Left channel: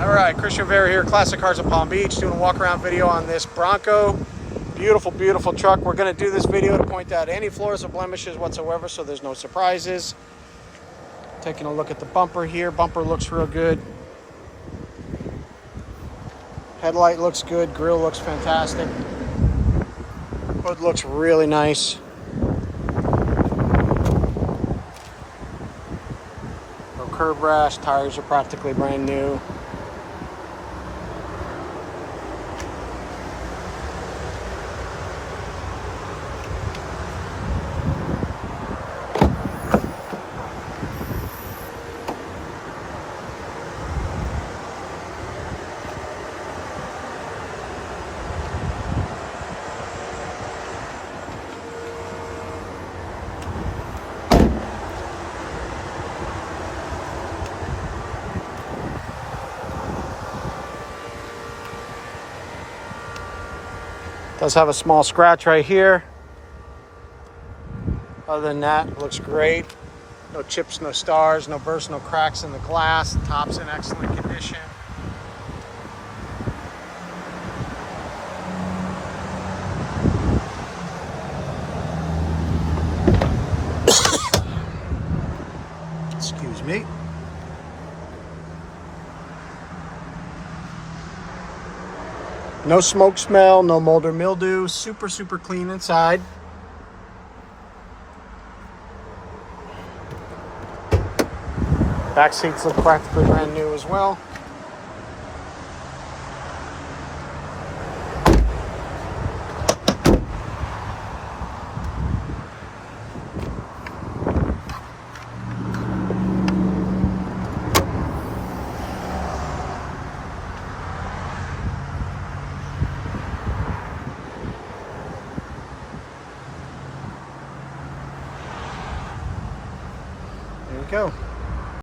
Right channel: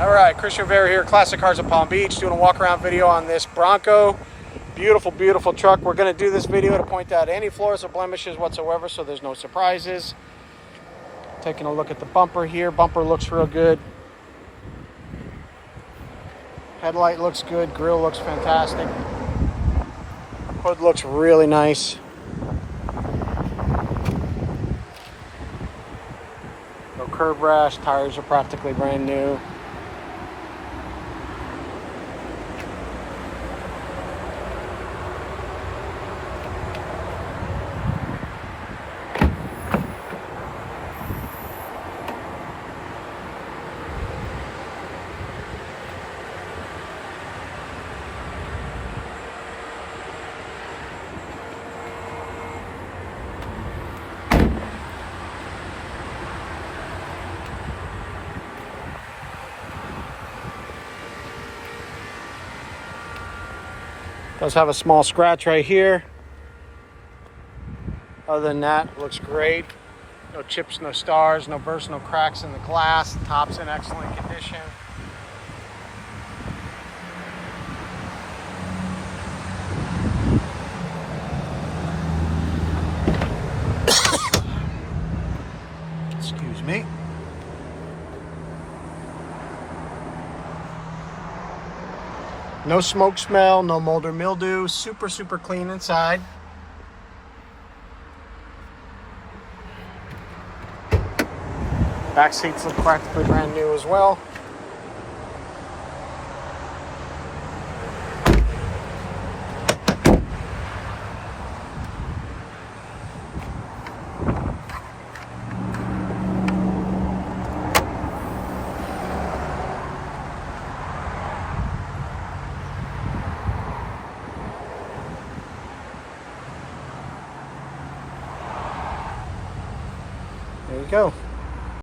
All right, Christian Rivera here, Classic Cars of Palm Beach, doing a walk around video on this Bronco. Beautiful, beautiful truck. We're gonna do this video to point out any flaws or blemishes whatsoever, so there's no surprises. Taking a look at the bumper here. Bumper looks real good. Headlight looks good. Grille looks fantastic. Hood looks really nice. No curb rash. Tires are practically brand new. Does have a small scratch right here. Other than that, it looks great. No chips, no stars, no bursts, no cracks in the glass. The top's in excellent condition. Excuse me. No smoke smell, no mold or mildew. Super, super clean inside. Back seats look practically brand new as well. There you go.